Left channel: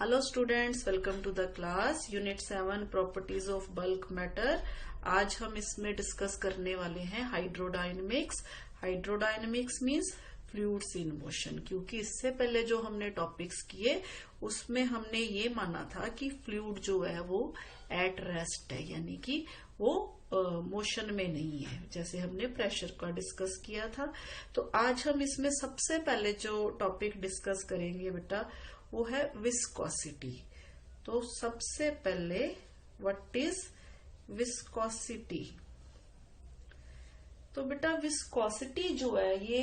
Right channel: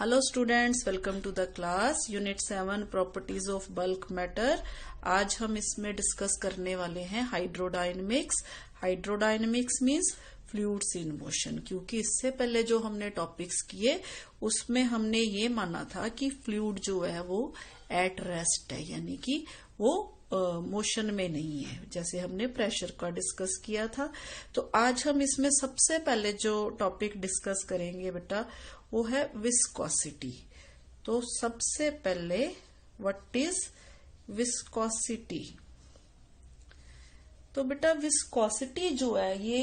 Hello students, welcome to the class unit 7 properties of bulk matter. आज हम इसमें discuss करने वाले हैं hydrodynamics. Hydrodynamics means fluids in motion. क्योंकि इससे पहले जो हमने टॉपिक्स किए उसमें हमने ये माना था कि फ्लूइड जो है वो एट रेस्ट है, यानी कि वो मोशन में नहीं है, जैसे हमने प्रेशर का डिस्कस किया था। तो आज हम इसमें सबसे पहले जो टॉपिक डिस्कस करेंगे बेटा वो है विस्कोसिटी। तो सबसे पहले व्हाट इज विस्कोसिटी? तो बेटा विस्कोसिटी जो है ये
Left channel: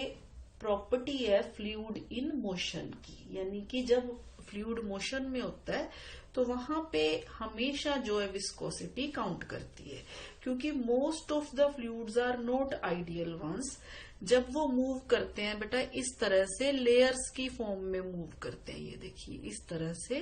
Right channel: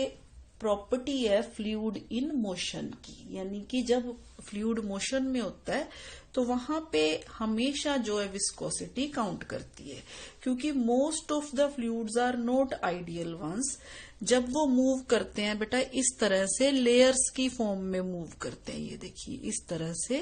प्रॉपर्टी है फ्लूइड इन मोशन की, यानी कि जब फ्लूइड मोशन में होता है तो वहां पे हमेशा जो है विस्कोसिटी काउंट करती है। क्योंकि most of the fluids are not ideal ones. जब वो मूव करते हैं बेटा इस तरह से लेयर्स की फॉर्म में मूव करते हैं, ये देखिए इस तरह से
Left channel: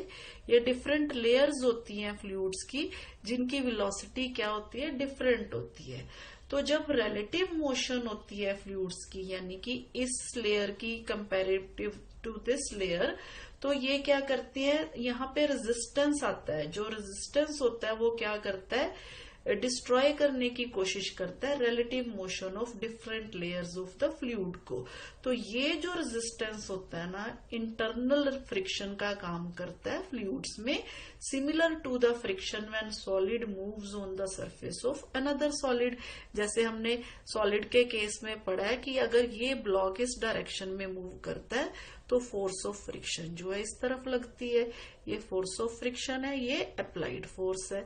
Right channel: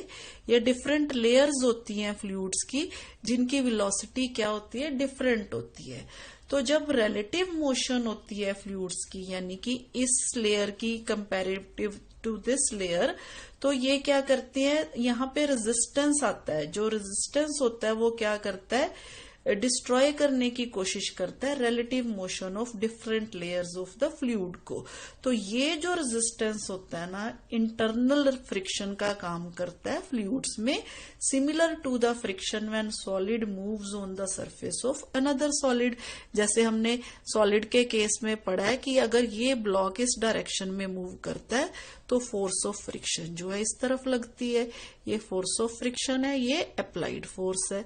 ये डिफरेंट लेयर्स होती हैं फ्लूइड्स की, जिनकी वेलोसिटी क्या होती है, डिफरेंट होती है। तो जब रिलेटिव मोशन होती है फ्लूइड्स की, यानी कि इस लेयर की कंपैरेटिव टू दिस लेयर, तो ये क्या करती है, यहाँ पे रेजिस्टेंस आता है। जो रेजिस्टेंस होता है वो क्या करता है, डिस्ट्रॉय करने की कोशिश करता है relative motion of different layers of the fluid को। तो ये जो रेजिस्टेंस होता है ना, इंटरनल फ्रिक्शन का काम करता है फ्लूइड्स में, similar to the friction when solid moves on the surface of another solid. जैसे हमने सॉलिड के केस में पढ़ा है कि अगर ये ब्लॉक इस डायरेक्शन में मूव करता है तो फोर्स ऑफ फ्रिक्शन जो है इस तरफ लगती है, ये फोर्स ऑफ फ्रिक्शन है, ये अप्लाइड फोर्स है।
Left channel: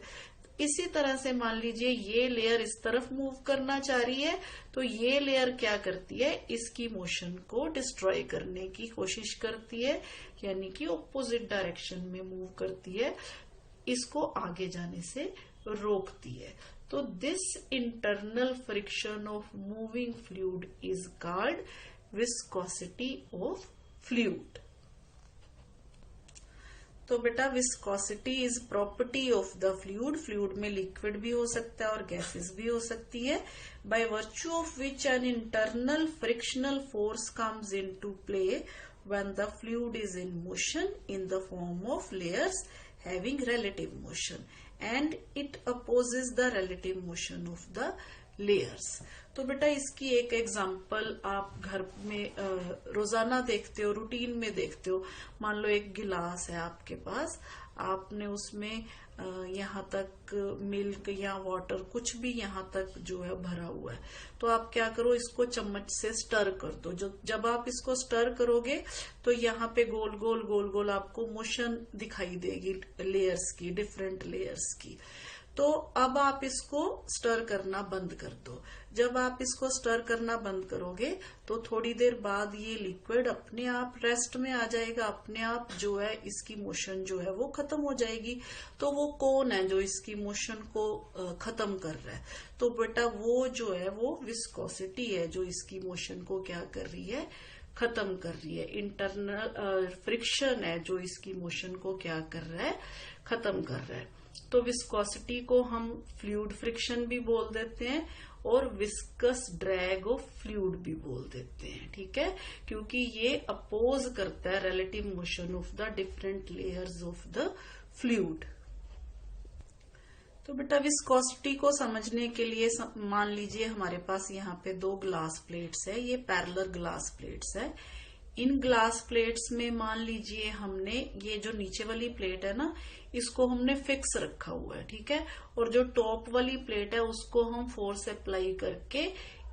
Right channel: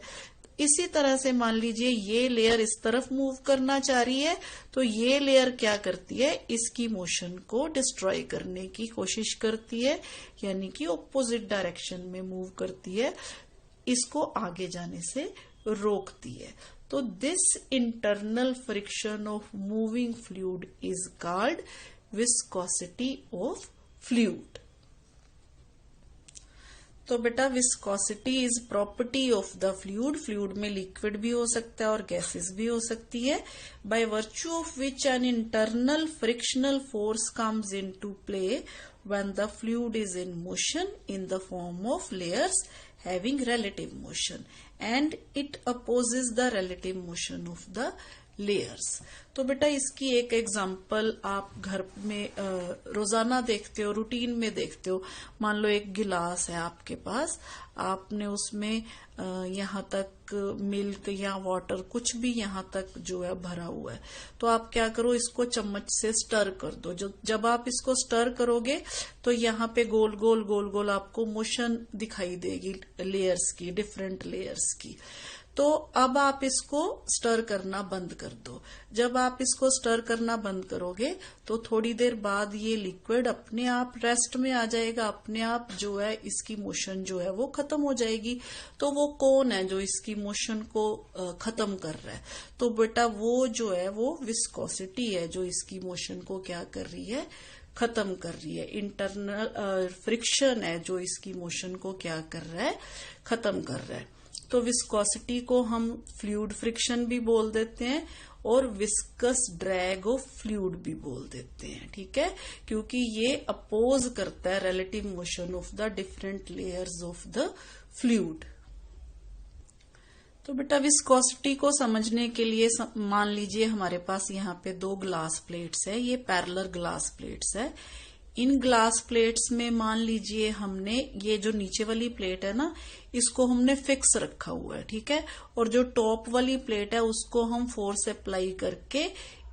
इसी तरह से मान लीजिए ये लेयर इस तरफ मूव करना चाह रही है, तो ये लेयर क्या करती है, इसकी मोशन को डिस्ट्रॉय करने की कोशिश करती है, यानी कि ऑपोजिट डायरेक्शन में मूव करती है, इसको आगे जाने से रोकती है। तो this internal friction of moving fluid is called viscosity of fluid. तो बेटा viscosity is property of the fluid. Fluid में लिक्विड भी हो सकता है और गैसेस भी हो सकती है, by virtue of which an internal frictional force comes into play when the fluid is in motion in the form of layers having relative motion and it opposes the relative motion of the layers. तो बेटा इसकी एक example आप घर में रोजाना देखते हो, रूटीन में देखते हो। मान लो एक गिलास है आपके पास, आपने उसमें यहाँ तक मिल्क या वाटर कुछ भी यहाँ तक जो है भरा हुआ है, तो आप क्या करो, इसको चम्मच से स्टर कर दो। जब आप इसको स्टर करोगे तो यहाँ पे गोल गोल गोल गोल आपको मोशन दिखाई देगी लेयर्स की, डिफरेंट लेयर्स की। तो अब आप इसको स्टर करना बंद कर दो। जब आप इसको स्टर करना बंद करोगे तो थोड़ी देर बाद ये लिक्विड अपने आप रेस्ट में आ जाएगा, अपने आप जो है इसकी मोशन जो है वो खत्म हो जाएगी। तो वो कौन है जो इसकी मोशन को खत्म कर रहा है? तो बेटा वो जो है वो विस्कोसिटी है जो इसकी मोशन को क्या कर रही है, खत्म कर रही है। इंटरनल फ्रिक्शन है जो इसकी मोशन को क्या कर रहा है, खत्म कर रहा है। तो विस्कोसिटी को हम फ्लूइड फ्रिक्शन भी बोल देते हैं और विस्कस ड्रैग ऑफ फ्लूइड भी बोल देते हैं, ठीक है, क्योंकि ये अपोज करता है relative motion of the different layers of the fluid. तो बेटा विस्कोसिटी को समझने के लिए मान लीजिए हमारे पास यहाँ पे दो ग्लास प्लेट्स है, ये पैरेलल ग्लास प्लेट्स है। इन ग्लास प्लेट्स में मान लीजिए हमने ये जो नीचे वाली प्लेट है ना, इसको हमने फिक्स रखा हुआ है, ठीक है, और जो टॉप वाली प्लेट है उसको हम फोर्स अप्लाई करके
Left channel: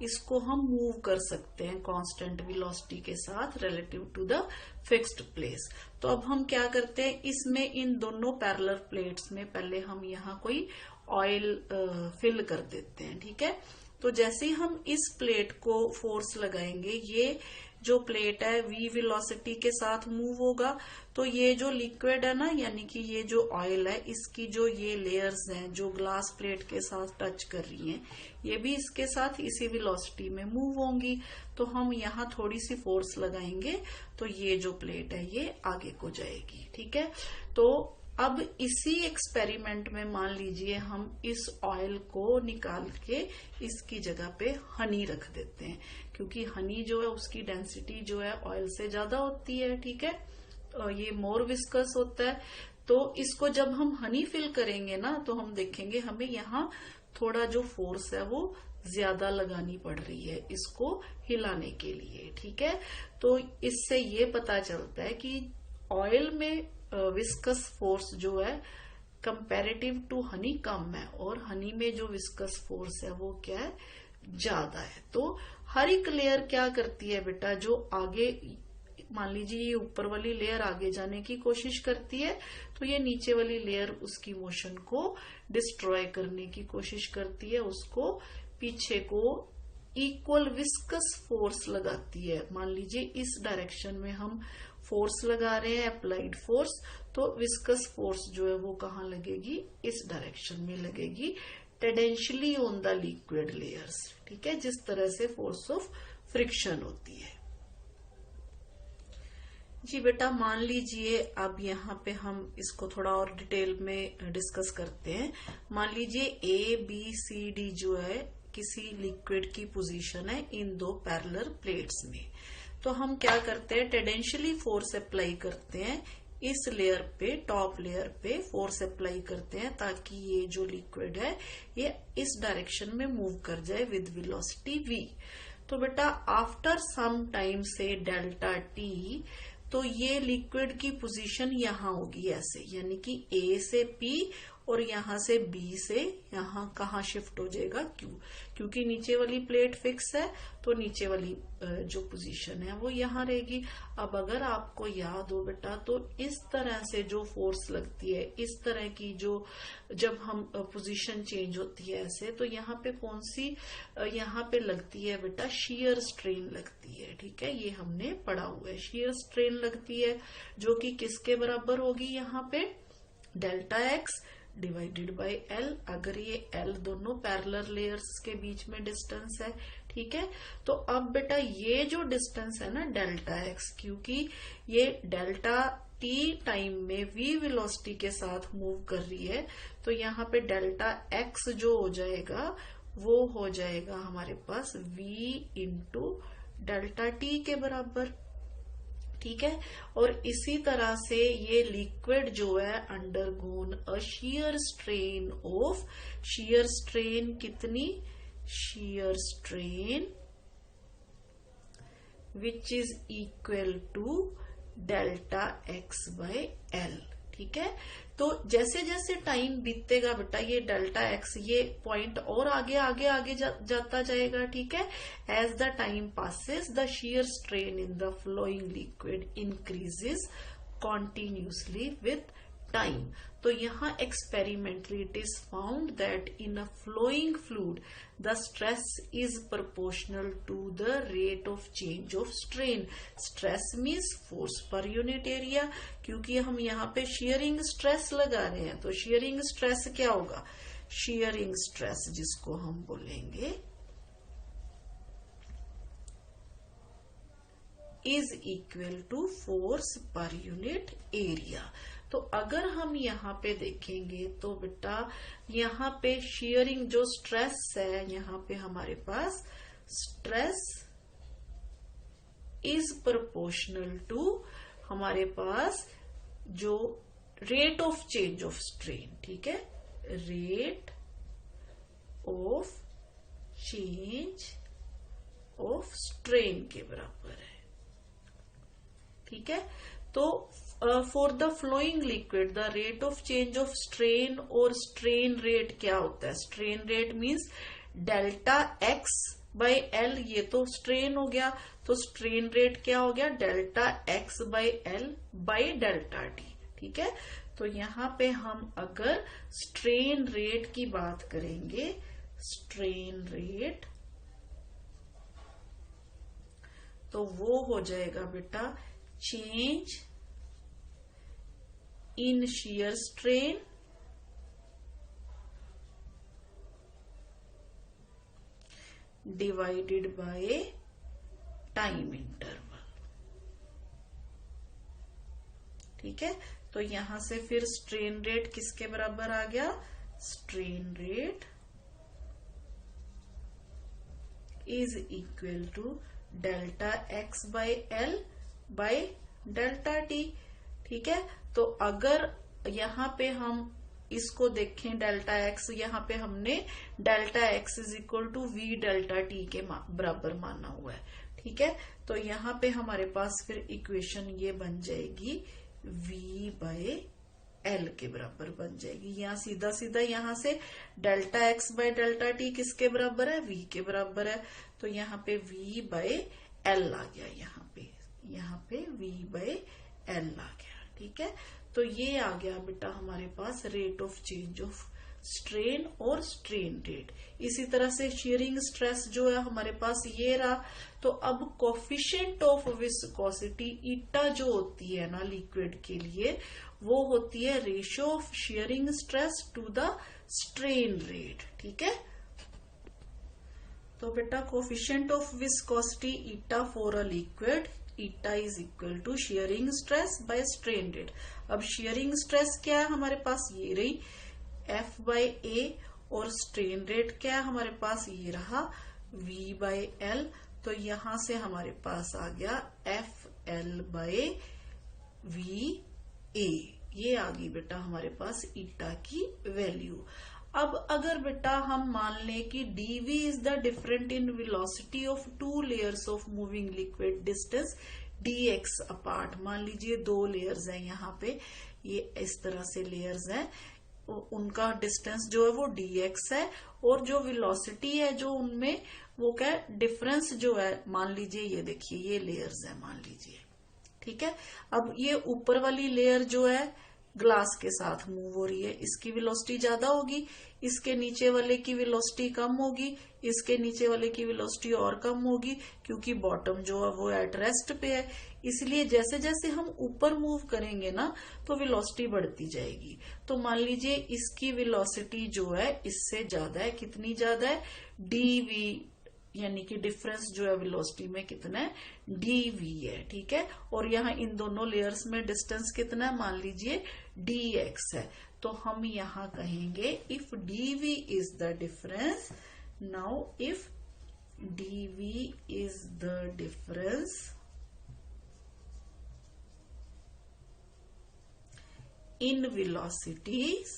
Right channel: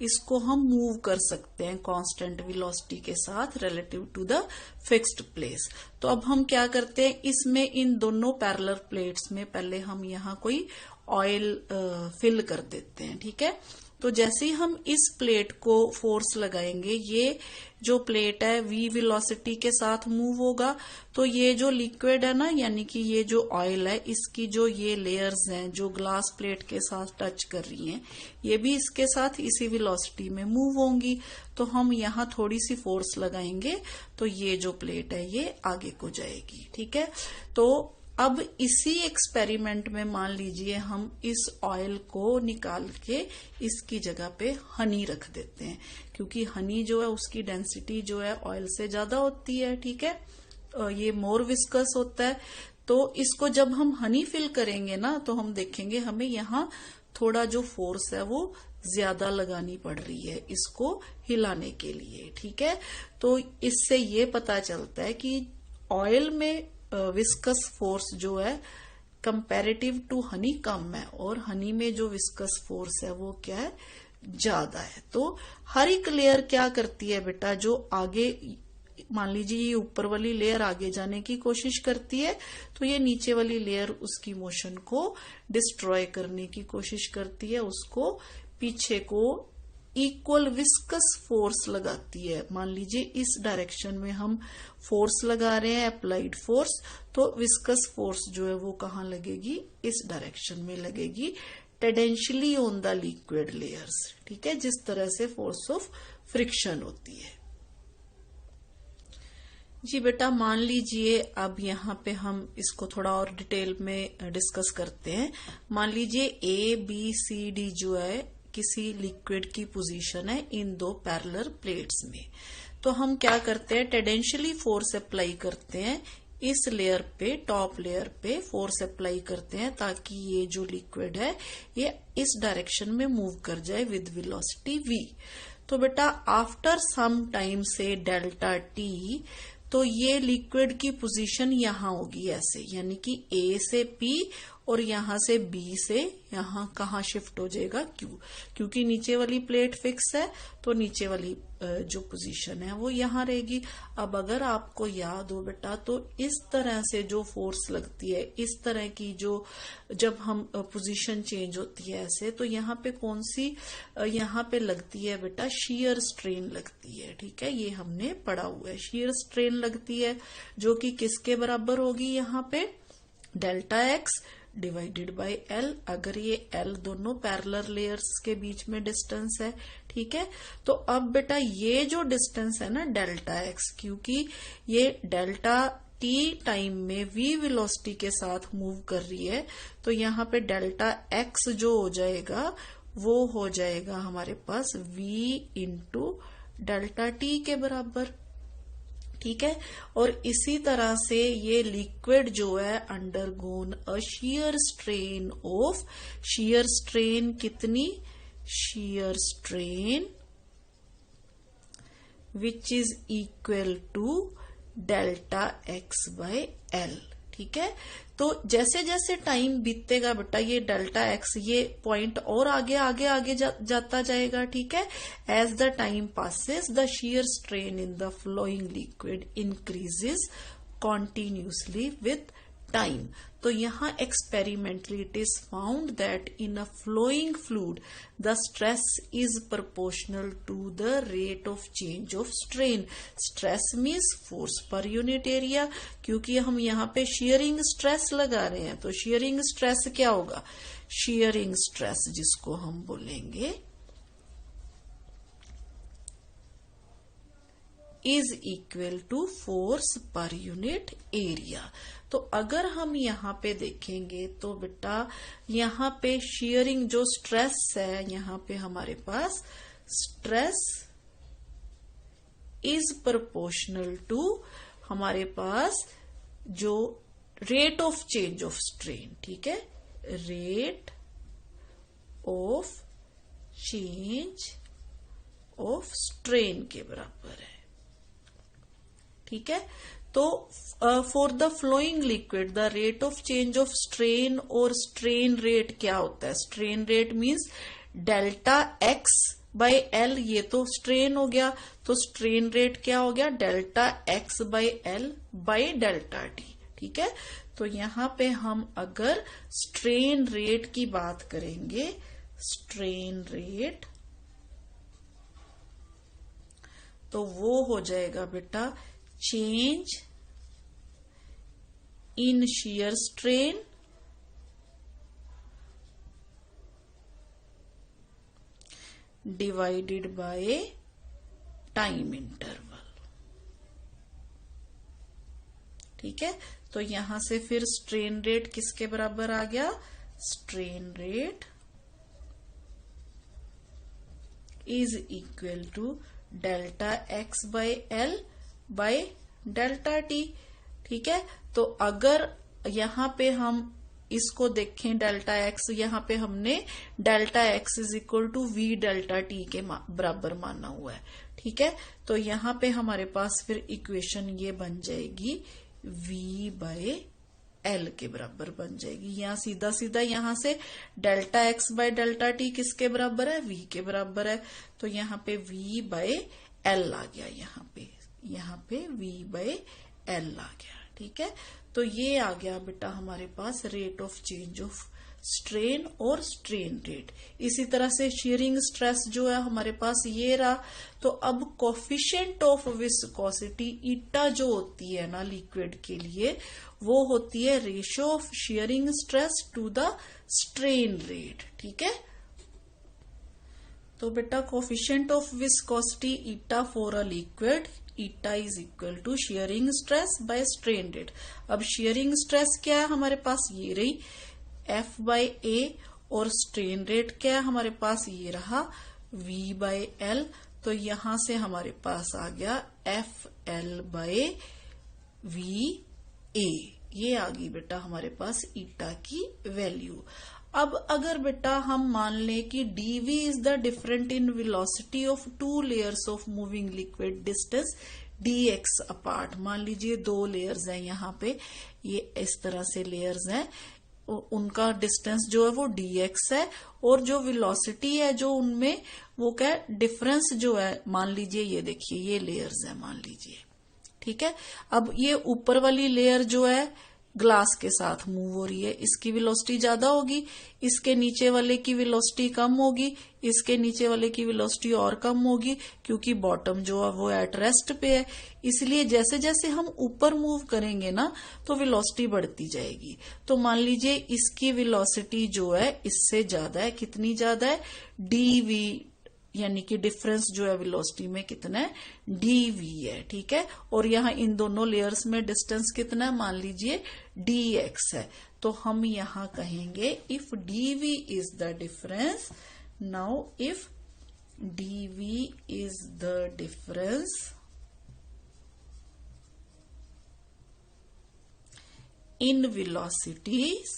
इसको हम मूव कर सकते हैं कांस्टेंट वेलोसिटी के साथ relative to the fixed place. तो अब हम क्या करते हैं, इसमें इन दोनों पैरेलल प्लेट्स में पहले हम यहाँ कोई ऑयल फिल कर देते हैं, ठीक है। तो जैसे ही हम इस प्लेट को फोर्स लगाएंगे, ये जो प्लेट है v वेलोसिटी के साथ मूव होगा, तो ये जो लिक्विड है ना, यानी कि ये जो ऑयल है, इसकी जो ये लेयर्स हैं जो ग्लास प्लेट के साथ टच कर रही हैं, ये भी इसके साथ इसी वेलोसिटी में मूव होंगी। तो हम यहाँ थोड़ी सी फोर्स लगाएंगे तो ये जो प्लेट है ये आगे को जाएगी, ठीक है। तो अब इसी एक्सपेरिमेंट में मान लीजिए हम इस ऑयल को निकाल के इसकी जगह पे हनी रख देते हैं, क्योंकि हनी जो है उसकी डेंसिटी जो है ऑयल से ज्यादा होती है, ठीक है। ये मोर विस्कस होता है। तो इसको जब हम हनी फिल करेंगे ना तो हम देखेंगे हमें यहाँ थोड़ा जो फोर्स है वो ज्यादा लगानी पड़ रही है इसको हिलाने के लिए, ठीक है। तो इससे ये पता चलता है कि ऑयल में विस्कस फोर्स जो है कंपैरेटिव टू हनी कम है और हनी में जो विस्कस फोर्स है वो क्या है, ज्यादा है। तो हर एक लेयर क्या करती है बेटा, जो आगे मान लीजिए ये ऊपर वाली लेयर आगे जाने की कोशिश करती है तो ये नीचे वाली लेयर उसकी मोशन को डिस्ट्रॉय करने की कोशिश करती है, उसको पीछे को इक्वल विस्कस फोर्स लगाती है। मान लीजिए इस डायरेक्शन में हम फोर्स लगा रहे हैं, अप्लाइड फोर्स, तो विस्कस फोर्स जो है वो कहाँ लगेगी, इस डायरेक्शन में लगेगी, टेंडेंशियली ऑन द लिक्विड लेयर्स, ठीक है, जिस तरह से फोर्स ऑफ फ्रिक्शन होती है। जी बेटा मान लीजिए अब यहाँ पे हम इसको थोड़ा और डिटेल में डिस्कस करते हैं। मान लीजिए ए बी सी डी जो है किसी लिक्विड की पोजीशन है इन दो पैरेलल प्लेट्स में। तो हम क्या करते हैं, टेंडेंशियली फोर्स अप्लाई करते हैं इस लेयर पे, टॉप लेयर पे फोर्स अप्लाई करते हैं ताकि ये जो लिक्विड है ये इस डायरेक्शन में मूव कर जाए विद वेलोसिटी v। तो बेटा आफ्टर सम टाइम से डेल्टा टी, तो ये लिक्विड की पोजीशन यहाँ होगी ऐसे, यानी कि ए से पी और यहाँ से बी से यहाँ कहाँ शिफ्ट हो जाएगा क्यू, क्योंकि नीचे वाली प्लेट फिक्स है तो नीचे वाली जो पोजीशन है वो यहाँ रहेगी। अब अगर आपको याद हो बेटा तो इस तरह से जो फोर्स लगती है, इस तरह की जो जब हम पोजीशन चेंज होती है ऐसे, तो यहाँ पे कौन सी यहाँ पे लगती है बेटा, शेयर स्ट्रेन लगती है, ठीक है, ये हमने पढ़ा हुआ है। शेयर स्ट्रेन लगती है जो कि किसके बराबर होगी, यहाँ पे delta x divided by L, अगर ये एल दोनों पैरेलल लेयर्स के बीच में डिस्टेंस है, ठीक है। तो अब बेटा ये जो डिस्टेंस है ना डेल्टा एक्स, क्योंकि ये डेल्टा टी टाइम में v वेलोसिटी के साथ मूव कर रही है, तो यहाँ पे डेल्टा एक्स जो हो जाएगा वो हो जाएगा हमारे पास v इंटू डेल्टा टी के बराबर, ठीक है। और इसी तरह से ये लिक्विड जो है undergone a shear strain of, shear strain कितनी, shear strain which is equal to delta x by L, ठीक है। तो जैसे जैसे टाइम बीतेगा बेटा ये डेल्टा एक्स ये पॉइंट और आगे आगे आगे जाता जाएगा, ठीक है। As the time passes the shear strain in the flowing liquid increases continuously with time। तो यहाँ experimentally it is found that in a flowing fluid the stress is proportional to the rate of change of strain। stress means force per unit area, क्योंकि हम यहाँ पे shearing stress लगा रहे हैं, तो shearing stress क्या होगा, shearing stress जिसको हम बोलेंगे is equal to force per unit area। तो अगर हम यहाँ पे देखेंगे तो बेटा यहाँ पे shearing जो स्ट्रेस है, यहाँ पे हमारे पास स्ट्रेस इज प्रोपोर्शनल टू हमारे पास जो rate of change of strain, ठीक है, rate of change of strain के बराबर है, ठीक है। तो for the flowing liquid the rate of change of strain और स्ट्रेन रेट क्या होता है, strain rate means delta x by L, ये तो स्ट्रेन हो गया, तो स्ट्रेन रेट क्या हो गया, delta x by l by delta t, ठीक है। तो यहाँ पे हम अगर स्ट्रेन रेट की बात करेंगे, स्ट्रेन रेट, तो वो हो जाएगा बेटा change in shear strain divided by time interval, ठीक है। तो यहां से फिर स्ट्रेन रेट किसके बराबर आ गया, strain rate is equal to delta x by l by delta t. ठीक है। तो अगर यहाँ पे हम इसको देखें डेल्टा एक्स, यहाँ पे हमने delta x is equal to v delta t के बराबर माना हुआ है, ठीक है। तो यहाँ पे हमारे पास फिर इक्वेशन ये बन जाएगी v बाय एल के बराबर बन जाएगी। यहाँ सीधा सीधा यहाँ से delta x bye delta T किसके बराबर है, v के बराबर है। तो यहाँ पे v बाय एल आ गया, यहाँ पे v बाय एल आ गया, ठीक है। तो ये आ गया बेटा हमारे पास rate of change of strain और स्ट्रेन रेट। इसी तरह से शेयरिंग स्ट्रेस जो है हमारे पास ये रहा। तो अब कोफिशिएंट ऑफ विस्कोसिटी ईटा जो होती है ना लिक्विड के लिए, वो होती है ratio of shearing stress to the strain rate, ठीक है। तो बेटा coefficient of viscosity eta for a liquid, eta is equal to shearing stress by strain rate. अब शेयरिंग स्ट्रेस क्या है हमारे पास, ये रही F बाय ए, और स्ट्रेन रेट क्या है हमारे पास, ये रहा V बाय एल। तो यहां से हमारे पास आ गया F L bye V A, ये आ गई बेटा हमारे पास ईटा की वैल्यू। अब अगर बेटा हम मान लें कि dv is the different in velocity of to layers of moving liquid distance dx apart, मान लीजिए दो लेयर्स हैं यहाँ पे, ये इस तरह से लेयर्स हैं, उनका डिस्टेंस जो है वो dx है, और जो वेलोसिटी है जो उनमें वो क्या है डिफरेंस जो है, मान लीजिए ये देखिए ये लेयर्स है मान लीजिए, ठीक है। अब ये ऊपर वाली लेयर जो है ग्लास के साथ मूव हो रही है, इसकी वेलोसिटी ज्यादा होगी, इसके नीचे वाले की वेलोसिटी कम होगी, इसके नीचे वाले की वेलोसिटी और कम होगी, क्योंकि बॉटम जो है वो एट रेस्ट पे है। इसलिए जैसे जैसे हम ऊपर मूव करेंगे ना तो वेलोसिटी बढ़ती जाएगी। तो मान लीजिए इसकी वेलोसिटी जो है इससे ज्यादा है, कितनी ज्यादा है, dv, यानी कि डिफरेंस जो है वेलोसिटी में कितना है, dv है, ठीक है। और यहाँ इन दोनों लेयर्स में डिस्टेंस कितना है, मान लीजिए dx है। तो हम यहाँ कहेंगे if dv is the difference, now if dv is the difference in velocities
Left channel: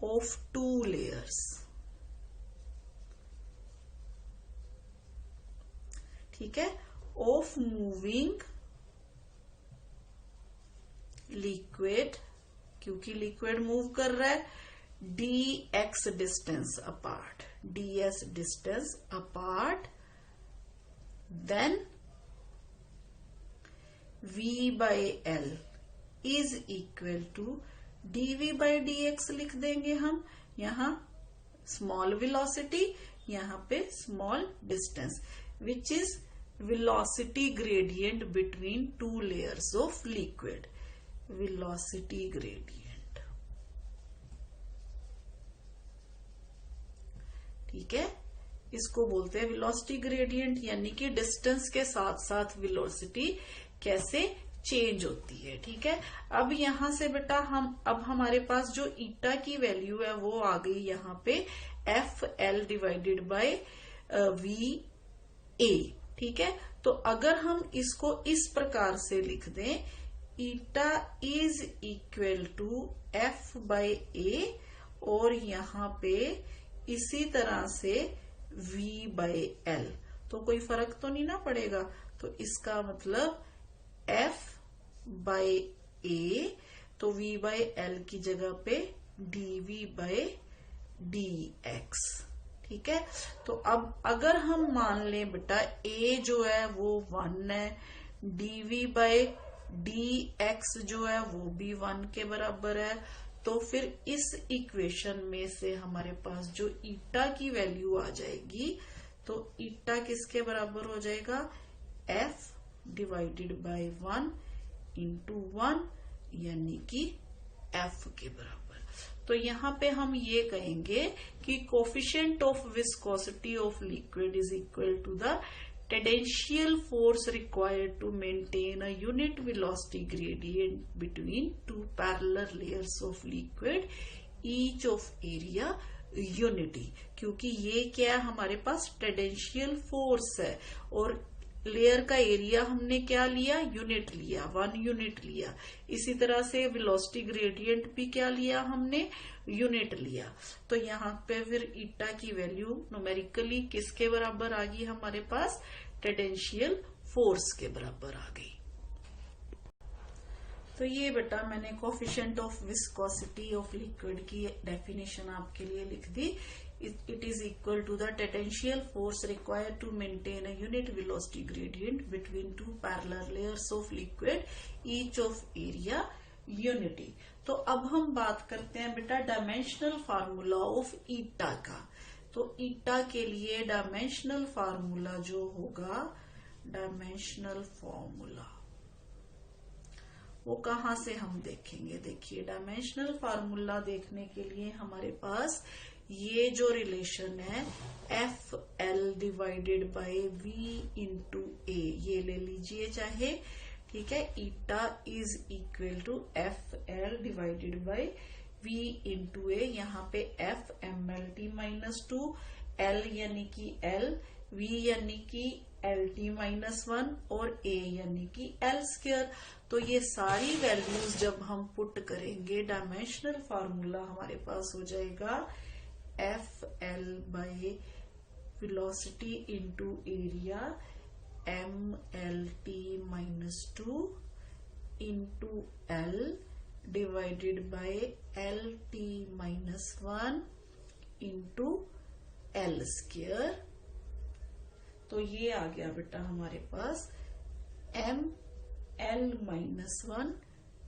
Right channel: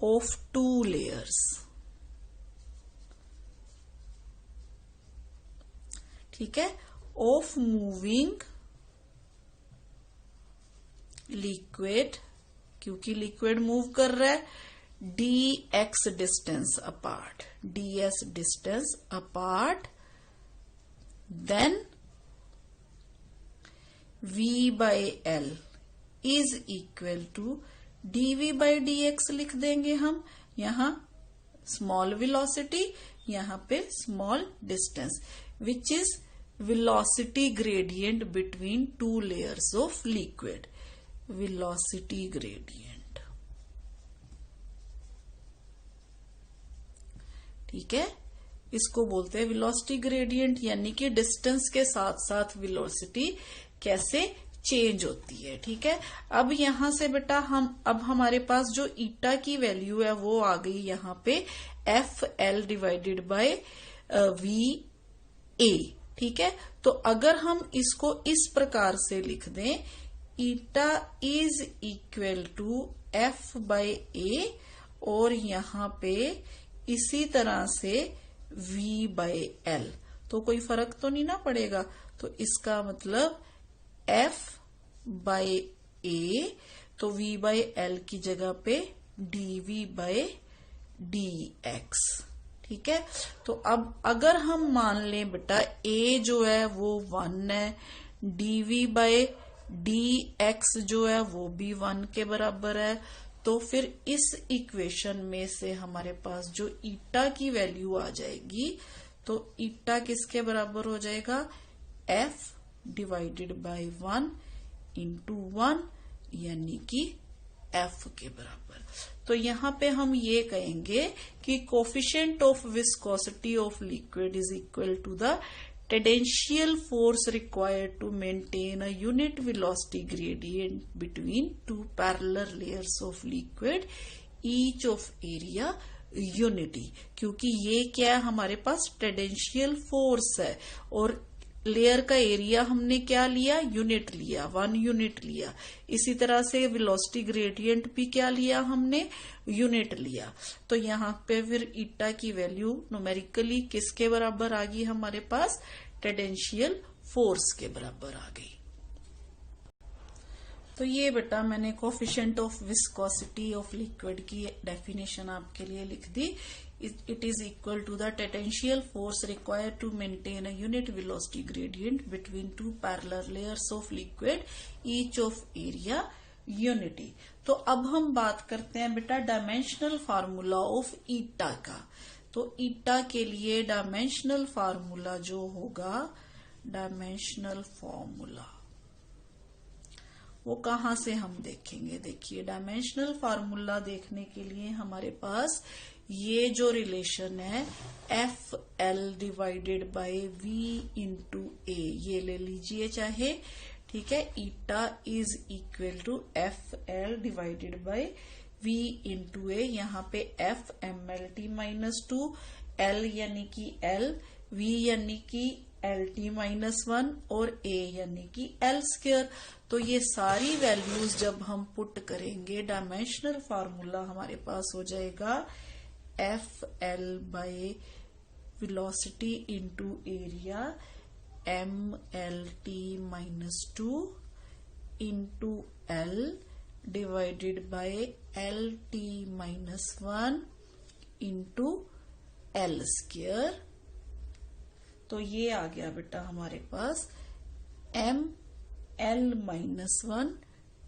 of two layers, ठीक है, of moving liquid, क्योंकि लिक्विड मूव कर रहा है, dx distance apart, ds distance apart, then v by l is equal to dv by dx लिख देंगे हम, यहाँ स्मॉल वेलोसिटी, यहाँ पे small distance, which is velocity gradient between two layers of liquid, velocity gradient, ठीक है। इसको बोलते हैं वेलोसिटी ग्रेडियंट, यानी कि डिस्टेंस के साथ साथ वेलोसिटी कैसे चेंज होती है, ठीक है। अब यहां से बेटा अब हमारे पास जो ईटा की वैल्यू है वो आ गई यहाँ पे F L divided by V A, ठीक है। तो अगर हम इसको इस प्रकार से लिख दें, eta is equal to F by A, और यहाँ पे इसी तरह से v बाय एल, तो कोई फर्क तो नहीं ना पड़ेगा। तो इसका मतलब f बाय ए, तो v बाय एल की जगह पे dv बाय dx, ठीक है। तो अब अगर हम मान लें बेटा a जो है वो 1 है, dv बाय dx जो है वो भी 1 के बराबर है, तो फिर इस इक्वेशन में से हमारे पास जो ईटा की वैल्यू आ जाएगी, तो ईटा किसके बराबर हो जाएगा, f डिवाइडेड बाय 1 इंटू 1, यानी कि f के बराबर। तो यहाँ पे हम ये कहेंगे कि coefficient of viscosity of liquid is equal to the tangential force required to maintain a unit velocity gradient between two parallel layers of liquid, each of area unity, क्योंकि ये क्या है हमारे पास टेंजेंशियल फोर्स है, और लेयर का area हमने क्या लिया, यूनिट लिया, 1 यूनिट लिया। इसी तरह से वेलोसिटी ग्रेडियंट भी क्या लिया हमने, यूनिट लिया। तो यहाँ पे फिर ईटा की वैल्यू न्यूमेरिकली किसके बराबर आ गई हमारे पास, टेंजेंशियल फोर्स के बराबर आ गई। तो ये बेटा मैंने coefficient of viscosity of liquid की डेफिनेशन आपके लिए लिख दी। It is equal to the tangential force required to maintain a unit velocity gradient between two parallel layers of liquid, each of area unity। तो अब हम बात करते हैं बेटा डायमेंशनल फार्मूला ऑफ ईटा का। तो ईटा के लिए डायमेंशनल फार्मूला जो होगा, डायमेंशनल फार्मूला वो कहां से हम देखेंगे। देखिए डायमेंशनल फार्मूला देखने के लिए हमारे पास ये जो रिलेशन है F L divided by V into A, ये ले लीजिए चाहे, ठीक है। Eta is equal to F L divided by V into A. यहाँ पे F M L T minus 2, L यानी कि एल, वी यानी कि एल टी माइनस 1 और ए यानी कि एल स्क्वायर। तो ये सारी वैल्यूज जब हम पुट करेंगे डायमेंशनल फार्मूला हमारे पास हो जाएगा F L by velocity into area M L T minus 2 into L divided by L T minus 1 into L square. तो ये आ गया बेटा हमारे पास M L minus 1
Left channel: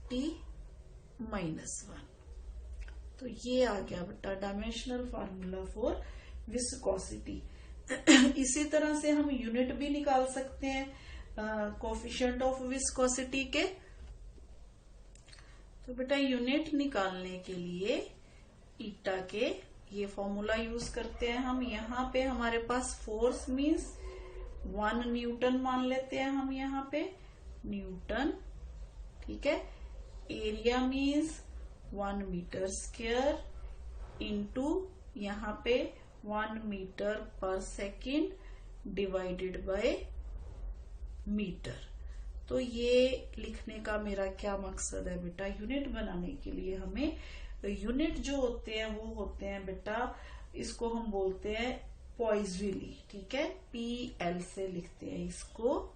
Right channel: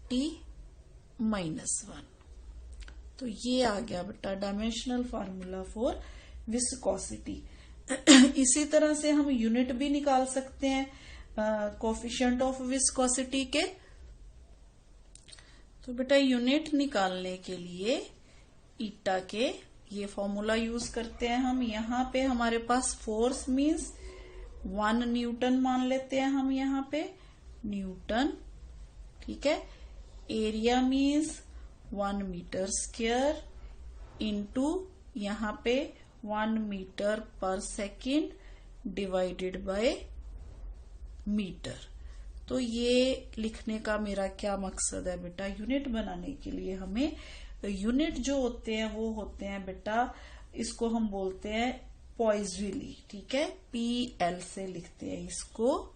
T minus 1। तो ये आ गया बेटा डायमेंशनल फार्मूला फॉर विस्कोसिटी। इसी तरह से हम यूनिट भी निकाल सकते हैं कोफिशिएंट ऑफ विस्कोसिटी के। तो बेटा यूनिट निकालने के लिए ईटा के ये फॉर्मूला यूज करते हैं हम। यहाँ पे हमारे पास फोर्स मीन्स 1 न्यूटन मान लेते हैं हम, यहाँ पे न्यूटन, ठीक है। Area means 1 metre square into यहाँ पे 1 मीटर पर सेकेंड डिवाइडेड बाय मीटर। तो ये लिखने का मेरा क्या मकसद है बेटा, यूनिट बनाने के लिए हमें यूनिट जो होते हैं वो होते हैं बेटा, इसको हम बोलते हैं पॉइजली, ठीक है। पी एल से लिखते हैं इसको,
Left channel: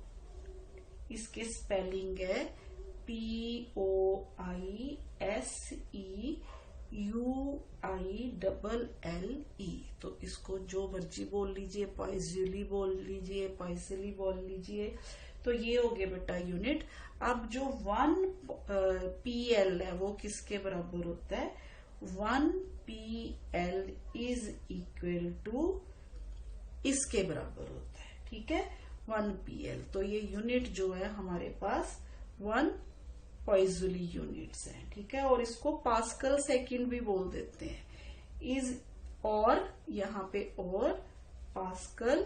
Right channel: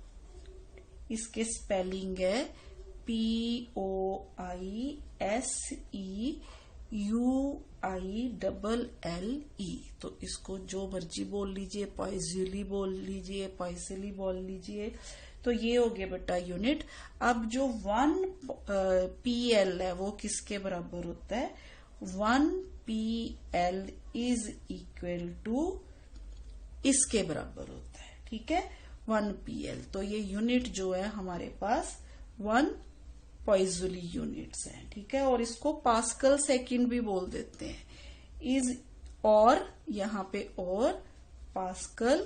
इसके स्पेलिंग है POISEUILLE। तो इसको जो मर्जी बोल लीजिए, पॉइजली बोल लीजिए, पॉइजली बोल लीजिए। तो ये हो गया बेटा यूनिट। अब जो 1 PL है वो किसके बराबर होता है, 1 PL इज इक्वल टू इसके बराबर होता है, ठीक है, 1 PL। तो ये यूनिट जो है हमारे पास 1 पॉइजली यूनिट्स हैं, ठीक है। और इसको पास्कल सेकंड भी बोल देते हैं, इज और यहाँ पे और पास्कल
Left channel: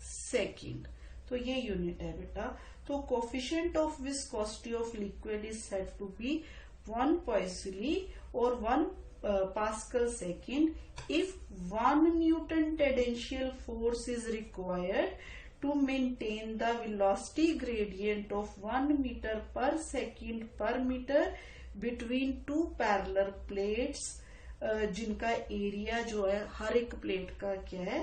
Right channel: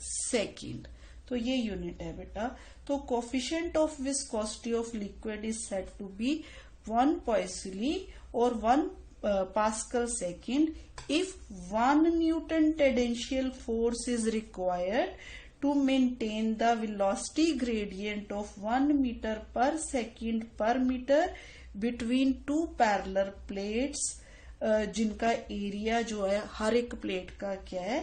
सेकंड। तो ये यूनिट है बेटा। तो coefficient of viscosity of liquid is said to be 1 poiseuille और 1 pascal second if 1 newton tangential force is required to maintain the velocity gradient of 1 meter per second per meter between two parallel plates, जिनका area जो है हर एक plate का क्या है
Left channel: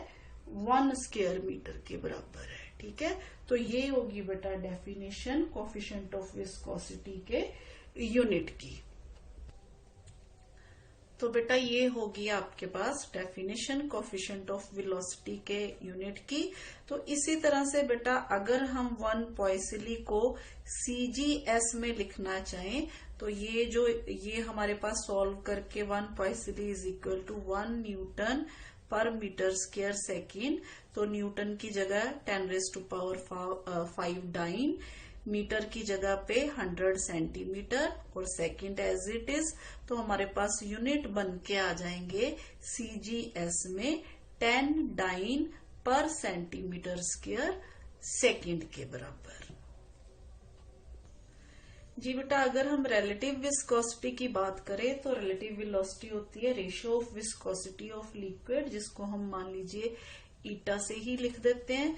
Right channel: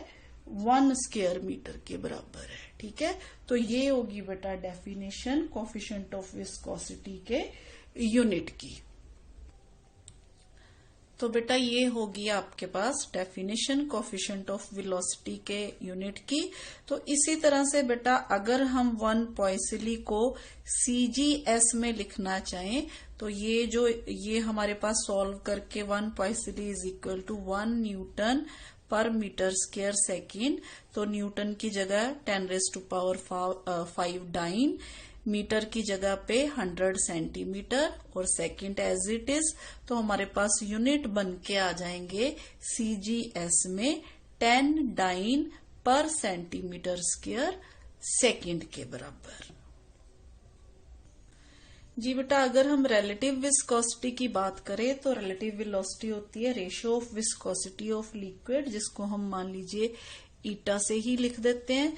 1 square metre के बराबर है, ठीक है। तो ये होगी बेटा डेफिनेशन कोफिशिएंट ऑफ विस्कोसिटी के यूनिट की। तो बेटा ये होगी आपके पास डेफिनेशन कोफिशिएंट ऑफ वेलोसिटी के यूनिट की। तो इसी तरह से बेटा अगर हम 1 पॉइजली को CGS में लिखना चाहें तो ये हमारे पास सॉल्व करके 1 पॉइजली इज इक्वल टू 1 न्यूटन पर मीटर स्क्वायर सेकेंड। तो न्यूटन की जगह 10⁵ डाइन, मीटर की जगह पे 100 सेंटीमीटर और सेकंड एज इट इज। तो हमारे पास यूनिट बन के आ जाएंगे CGS में 10 डाइन पर सेंटीमीटर स्क्वायर सेकंड के बराबर। जी बेटा अगर हम रिलेटिव विस्कोसिटी की बात करें तो रिलेटिव वेलोसिटी होती है ratio of viscosity of liquid, जिसको हम मान लीजिए ईटा से ही लिख देते हैं।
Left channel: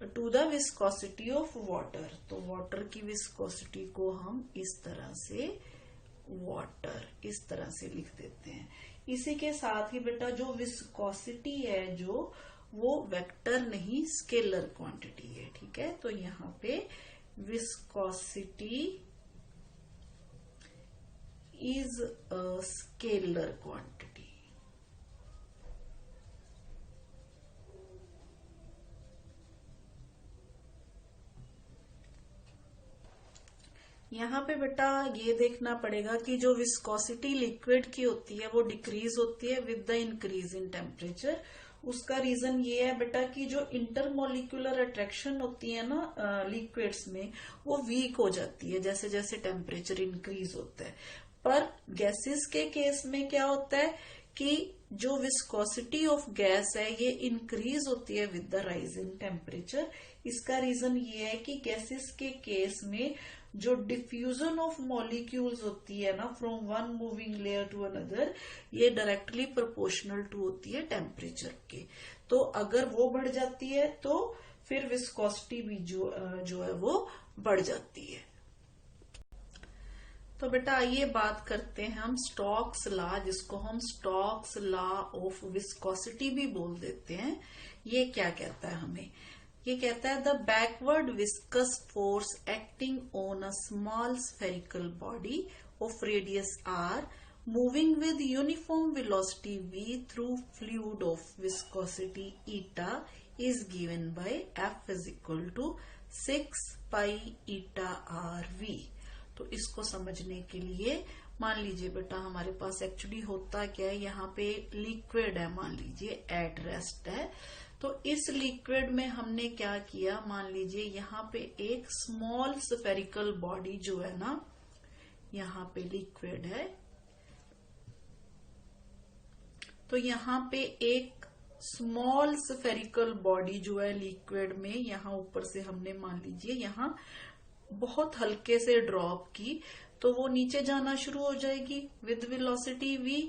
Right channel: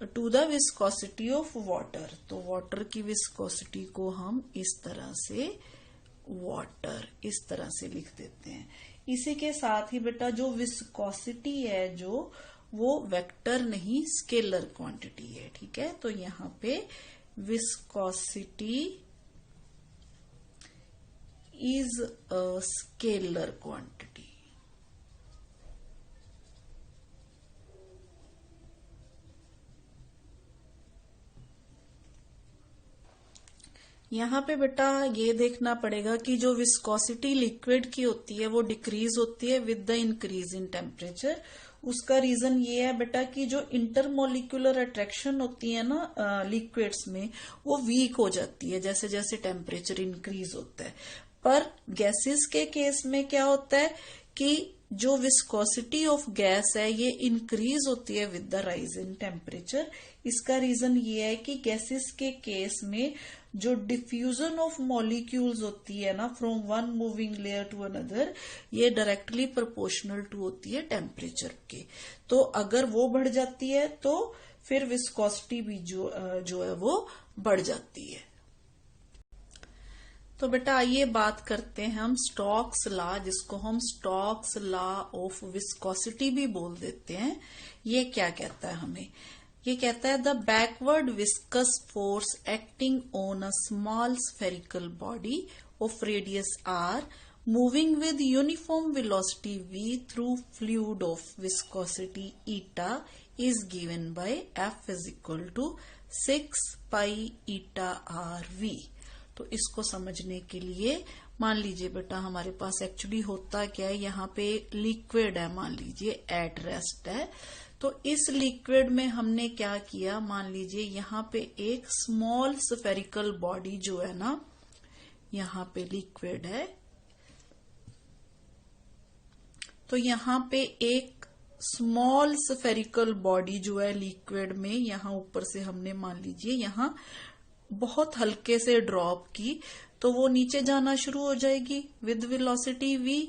To the viscosity of water. तो वाटर की विस्कोसिटी को हम इस तरह से वाटर इस तरह से लिख देते हैं। इसी के साथ ही बेटा जो विस्कोसिटी है जो वो वेक्टर नहीं स्केलर क्वांटिटी है, ठीक है। तो यहाँ पे viscosity is a scalar quantity. यहाँ पे बेटा ये देखना पड़ेगा कि जो विस्कोसिटी लिक्विड की होती है वो डिक्रीज होती है with the increase in temperature. उसका रीजन ये है बेटा कि जो इंटरमोलिकुलर अट्रैक्शन होती है ना लिक्विड्स में, वो वीक हो जाती है जैसे जैसे टेम्परेचर इंक्रीज होता है। पर गैसेस के केस में क्या होता है कि जो विस्कोसिटी ऑफ गैस है ये इंक्रीज होती है with the rise in temperature. इसका रीजन ये है कि गैसेस के केस में जो डिफ्यूजन ऑफ मॉलिक्यूल्स होती है ना from one moving layer to another, ये डायरेक्टली प्रोपोर्शनल टू होती है टेम्परेचर के। तो अगर वो बढ़ जाती है तो फिर विस्कोसिटी भी जो है वो बढ़ जाती है। तो बेटा आइए बात करते हैं हम स्टोक्स लॉ, जिसको हम स्टोक्स लॉ ऑफ विस्कोसिटी भी बोल देते हैं। ये क्या कहता है हमें? ये कहता है the backward viscous force acting on a small spherical body of radius r moving with uniform velocity v through fluid of viscosity eta is given by F is equal to 6 pi eta RV। तो इसको समझने के लिए मान लीजिए बेटा हमारे पास actually होता क्या है, यहाँ पे लिक्विड है, मान लीजिए एट रेस्ट है। तो इस लिक्विड में हमने क्या किया, मान लीजिए यहाँ पे एक स्मॉल स्फेरिकल बॉडी जो है ना, यहाँ पे लिक्विड है, तो यहाँ पे एक स्मॉल स्फेरिकल बॉडी जो है लिक्विड में, यहाँ ऊपर से हमने मान लीजिए यहाँ बहुत हल्के से ड्रॉप की, तो वो नीचे जाना शुरू हो जाएगी विद वेलोसिटी v।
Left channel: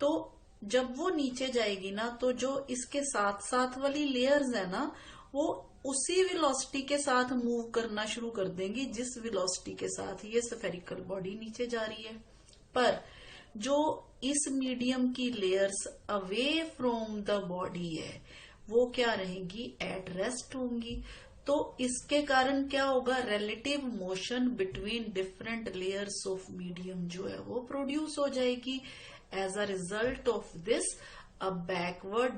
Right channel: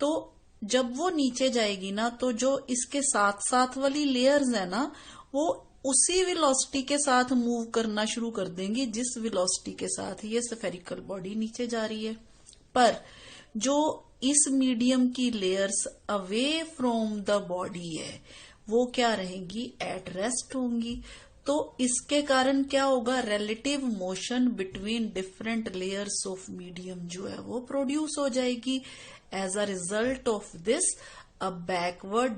तो जब वो नीचे जाएगी ना, तो जो इसके साथ साथ वाली लेयर्स है ना, वो उसी वेलोसिटी के साथ मूव करना शुरू कर देंगी जिस वेलोसिटी के साथ ये स्फेरिकल बॉडी नीचे जा रही है। पर जो इस मीडियम की layers away from the body है वो क्या रहेंगी, एट रेस्ट होंगी। तो इसके कारण क्या होगा, relative motion between different layers of medium जो है वो प्रोड्यूस हो जाएगी। As a result of this a backward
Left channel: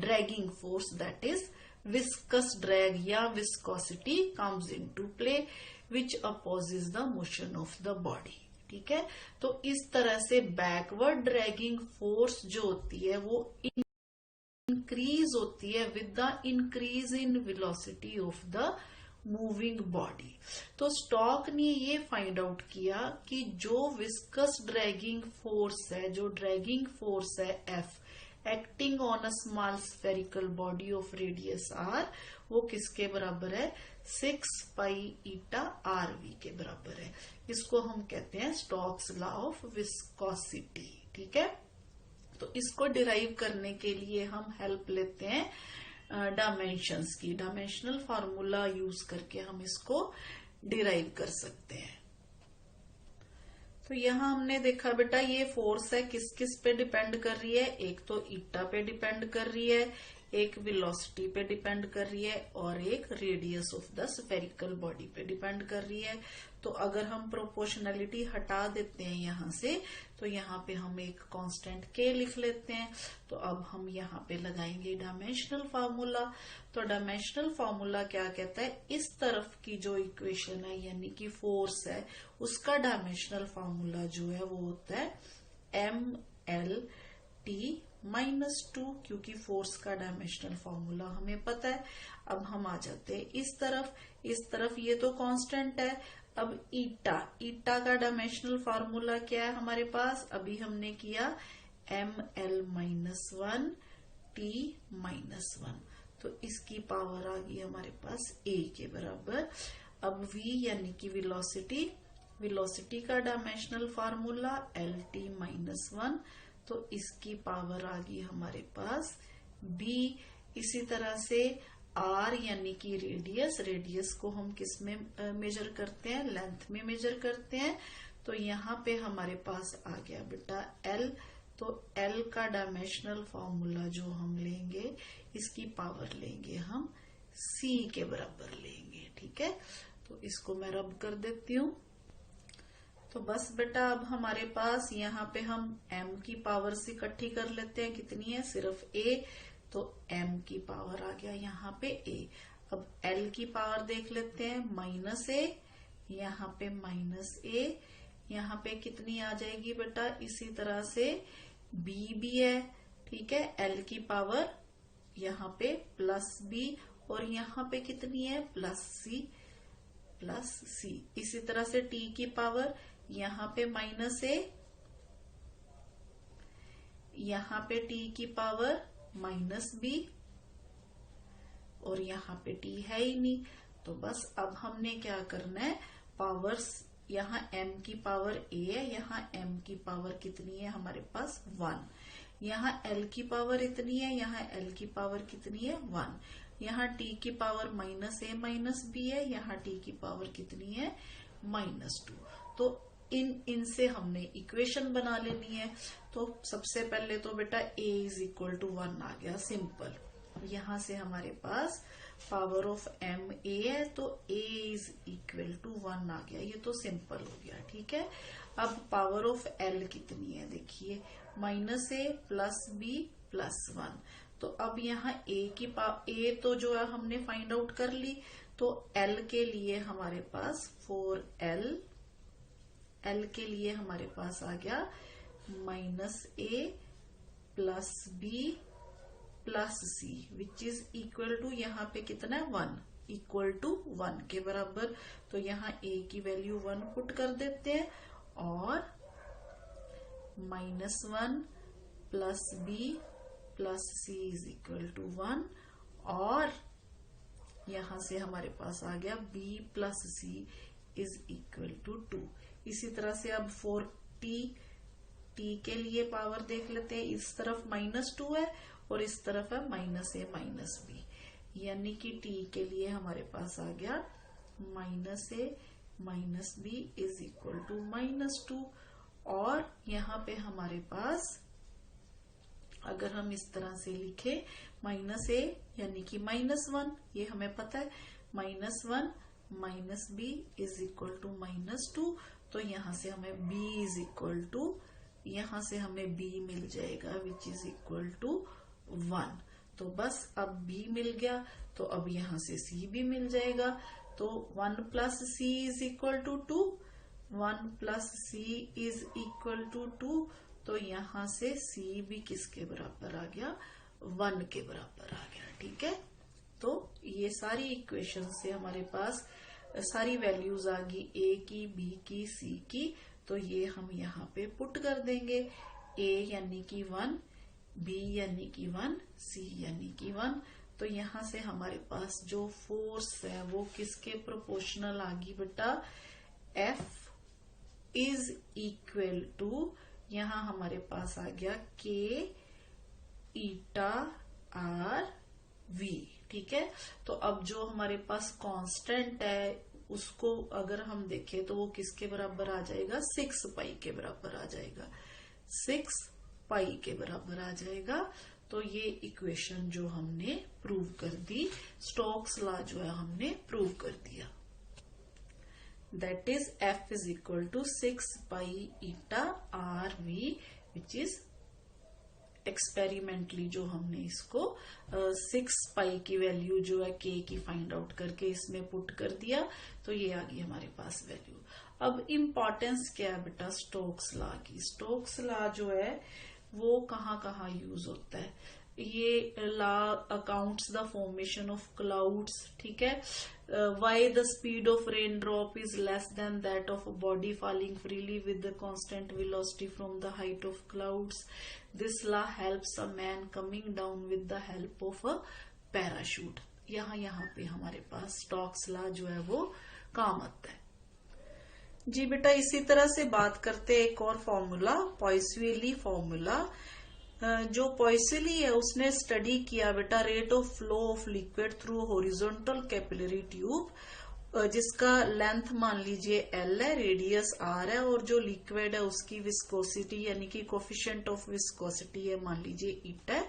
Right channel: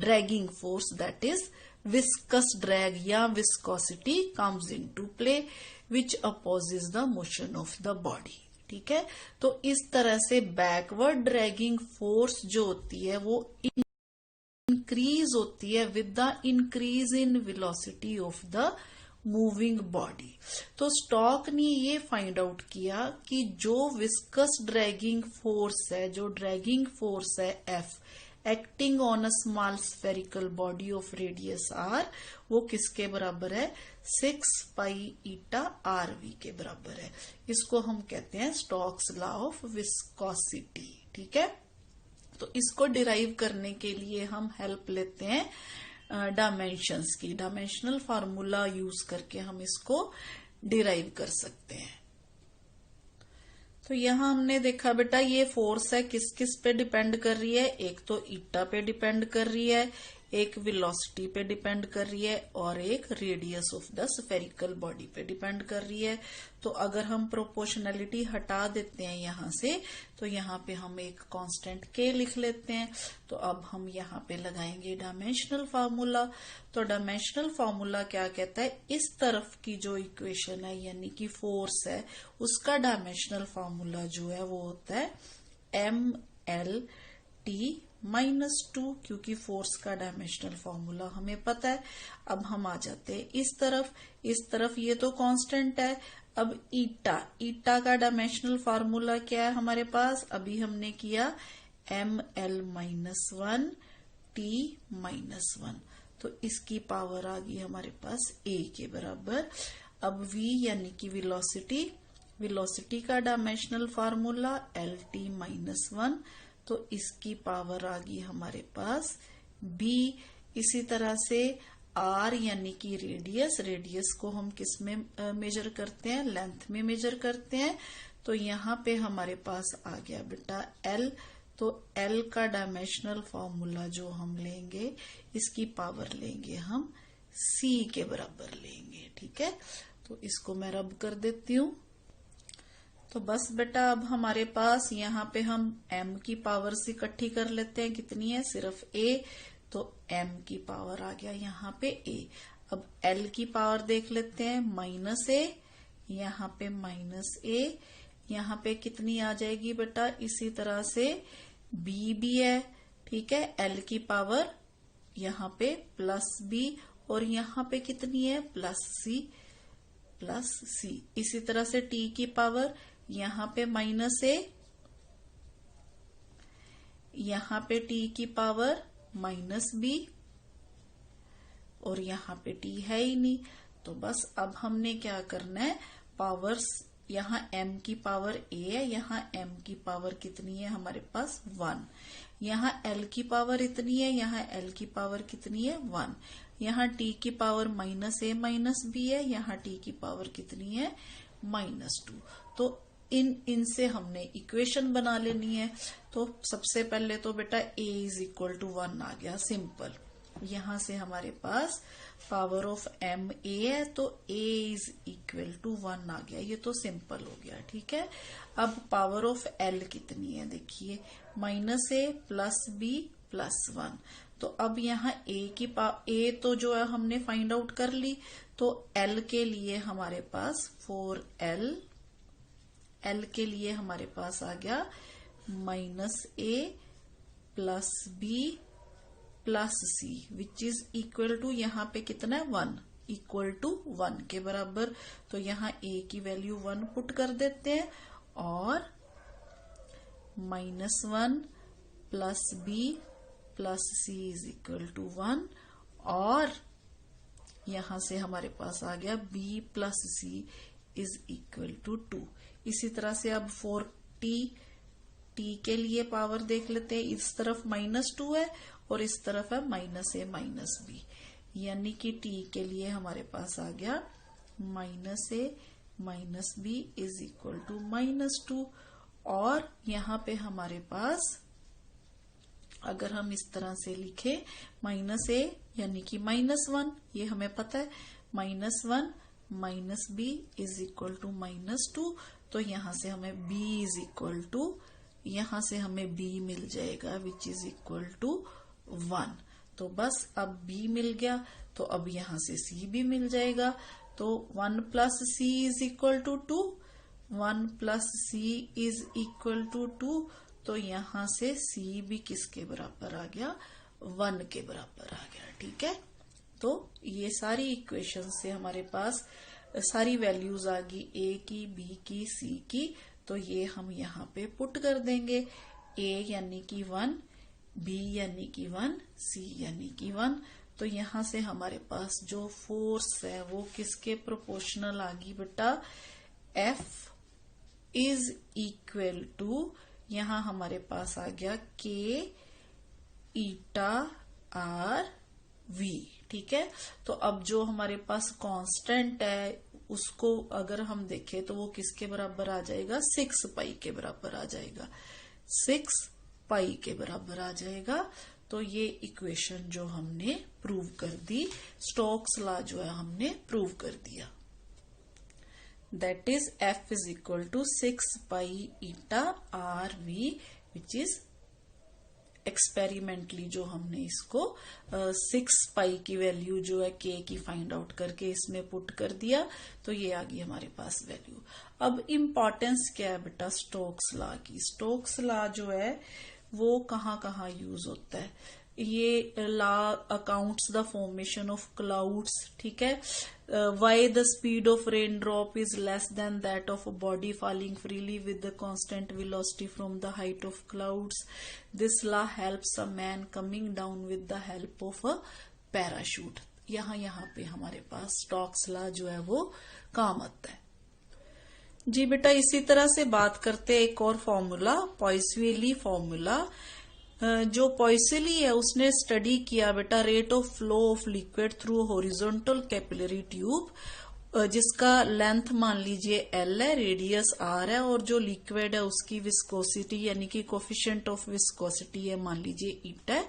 dragging force that is viscous drag या viscosity comes into play which opposes the motion of the body. ठीक है, तो इस तरह से बैकवर्ड ड्रैगिंग फोर्स जो होती है वो इंक्रीज होती है with the increase in velocity of the moving body. तो स्टोक ने ये फाइंड आउट किया कि जो विस्कस ड्रैगिंग फोर्स है, जो ड्रैगिंग फोर्स है F acting on a small spherical body of radius r, वो किसके बराबर है, 6 पाई ईटा RV के बराबर है। इसको हम कहते हैं स्टोक्स लॉ ऑफ विस्कोसिटी। ठीक है, तो इसको डिराइव करने के लिए हम हेल्प लेते हैं डायमेंशंस की। डायमेंशनल फार्मूला यूज करके हम इसको डिराइव कर सकते हैं। तो यहाँ हमने देखा बेटा ये फोर्स है किस किस पे डिपेंड कर रही है, एक तो ईटा पे डिपेंड कर रही है, एक वेलोसिटी पे डिपेंड कर रही है, और एक radius of the spherical body पे डिपेंड कर रही है। तो अगर हम प्रोपोर्शनैलिटी हटा देते हैं यहाँ से, तो यहाँ पे हम एक कांस्टेंट k लिख लेते हैं। तो अब हम यहाँ पे लगाएंगे डायमेंशनल फार्मूला। तो डायमेंशनल फार्मूला क्या कहता है, इस तरफ की जो इक्वेशन है यानी कि फोर्स है, उसका डायमेंशनल फार्मूला जो है वो होता है MLT -2, क्योंकि फोर्स का डायमेंशनल फॉर्मूला हमें पता है। अब हम आ जाते हैं इस तरफ ये तो कांस्टेंट है। अब ईटा का डायमेंशनल फार्मूला क्या है हमारे पास, अभी हमने किया ML-1 T-1, तो इसकी पावर आ गई हमारे पास a के बराबर। अब v यानी कि वेलोसिटी का डायमेंशनल फार्मूला LT-1, तो इसकी पावर आ गई हमारे पास b। इसी तरह से आर यानी कि रेडियस को हम किस में मेजर करते हैं, लेंथ में मेजर करते हैं। तो यहाँ पे हमारे पास आ गया बेटा एल। तो एल का डायमेंशनल फॉर्मूला जो हम लेंगे, इसकी पावर लेंगे हम सी के बराबर लेंगे। ठीक है, तो इसको मैं रब कर देती हूँ। तो बस बेटा अब हमारे पास यहाँ पे हम m की पावर से इकट्ठी कर लेते हैं। कितनी है, सिर्फ a। तो m की पावर आ गया यहाँ पे a। अब l की पावर देख लेते हैं, -a, यहाँ पे -a, यहाँ पे कितनी आ जाएगी बेटा, इसी तरह से b भी है। ठीक है, l की पावर यहाँ पे +b और यहाँ पे कितनी है, +c। इसी तरह से t की पावर यहाँ पे -a, यहाँ पे t की पावर -b और यहाँ पे t है ही नहीं। तो बस अब हमने क्या करना है, पावर्स, यहाँ m की पावर a है, यहाँ m की पावर कितनी है हमारे पास 1, यहाँ l की पावर इतनी है, यहाँ l की पावर कितनी है 1, यहाँ t की पावर -a -b है, यहाँ t की पावर कितनी है -2। तो इनसे हमने इक्वेशन बना लेनी है। तो सबसे पहले तो बेटा a = 1 आ गया, सिंपल। यहाँ से हमारे पास पावर ऑफ m a है, तो a = 1 आ गया, ये तो सिंपल हो गया। ठीक है, अब पावर ऑफ l कितनी है, देखिए -a + b + 1। तो अब यहाँ a तो जो है हमने फाइंड आउट कर ली। तो l के लिए हमारे पास 4l, l के लिए हमारे पास आ गया -a + b + c which is equal to, यहाँ पे कितना है 1, = 1 के बराबर। तो यहाँ a की वैल्यू 1 पुट कर देते हैं और -1 + b + c = 1 और यहाँ से हमारे पास आ गया b + c = 2। इसी तरह से अब 4t, t के लिए पावर देख लेते हैं, इस तरफ -2 है और इस तरफ है -a - b, यानी कि t के लिए हमारे पास आ गया -a - b = -2। और यहाँ पे हमारे पास अगर हम इस तरह से लिखे -a यानी कि -1, ये हमें पता है, -1 - b = -2। तो यहाँ से हमें यहाँ से हमें b मिल जाएगा विच इज इक्वल टू 1। तो बस अब b मिल गया, तो अब यहाँ से c भी मिल जाएगा। तो 1 + c = 2, 1 + c = 2। तो यहाँ से c भी किसके बराबर आ गया, 1 के बराबर आ गया। ठीक है, तो ये सारी इक्वेशन से हमारे पास सारी वैल्यूज आ गई, a की, b की, c की। तो ये हम यहाँ पे पुट कर देंगे, a यानी कि 1, b यानी कि 1, c यानी कि 1। तो यहाँ से हमारे पास जो फोर्स है वो किसके प्रोपोर्शनल आ गई बेटा, F = यहाँ हमारे पास आ गया K 𝜼 R V। ठीक है, तो अब जो हमारे पास कांस्टेंट है उसको अगर हम देखें तो वो किसके बराबर आ जाएगा, 6 पाई के बराबर आ जाएगा, 6 पाई के बराबर आ जाएगा। तो ये इक्वेशन जो हमने प्रूव कर दी, स्टोक्स लॉ जो है हमने प्रूव कर दिया। That is F = 6 pi 𝜼 RV which is experimentally जो हमने इसको 6 पाई की वैल्यू जो है k की फाइंड आउट करके इसमें पुट कर दिया। तो ये आ गई हमारे पास वैल्यू। अब इम्पोर्टेंस क्या है बेटा स्टोक्स लॉ की। स्टोक्स लॉ जो है वो कहाँ यूज होता है, ये law accounts the formation of clouds. ठीक है, why the speed of rain drop is less than that of a body falling freely with the constant velocity from the height of clouds. This law helps a man coming down with the help of a parachute. यहाँ पे हमारे पास Stokes law जो है वो काम आता है। जी बेटा, इसी तरह से बात करते हैं एक और फॉर्मूला, पॉइसविली फॉर्मूला। जो पॉइसली है उसने स्टडी किया बेटा rate of flow of liquid through horizontal capillary tube, जिसका लेंथ मान लीजिए L है, रेडियस R है, और जो लिक्विड है उसकी विस्कोसिटी यानी कि कोफिशिएंट ऑफ विस्कोसिटी है मान लीजिए ईटा है,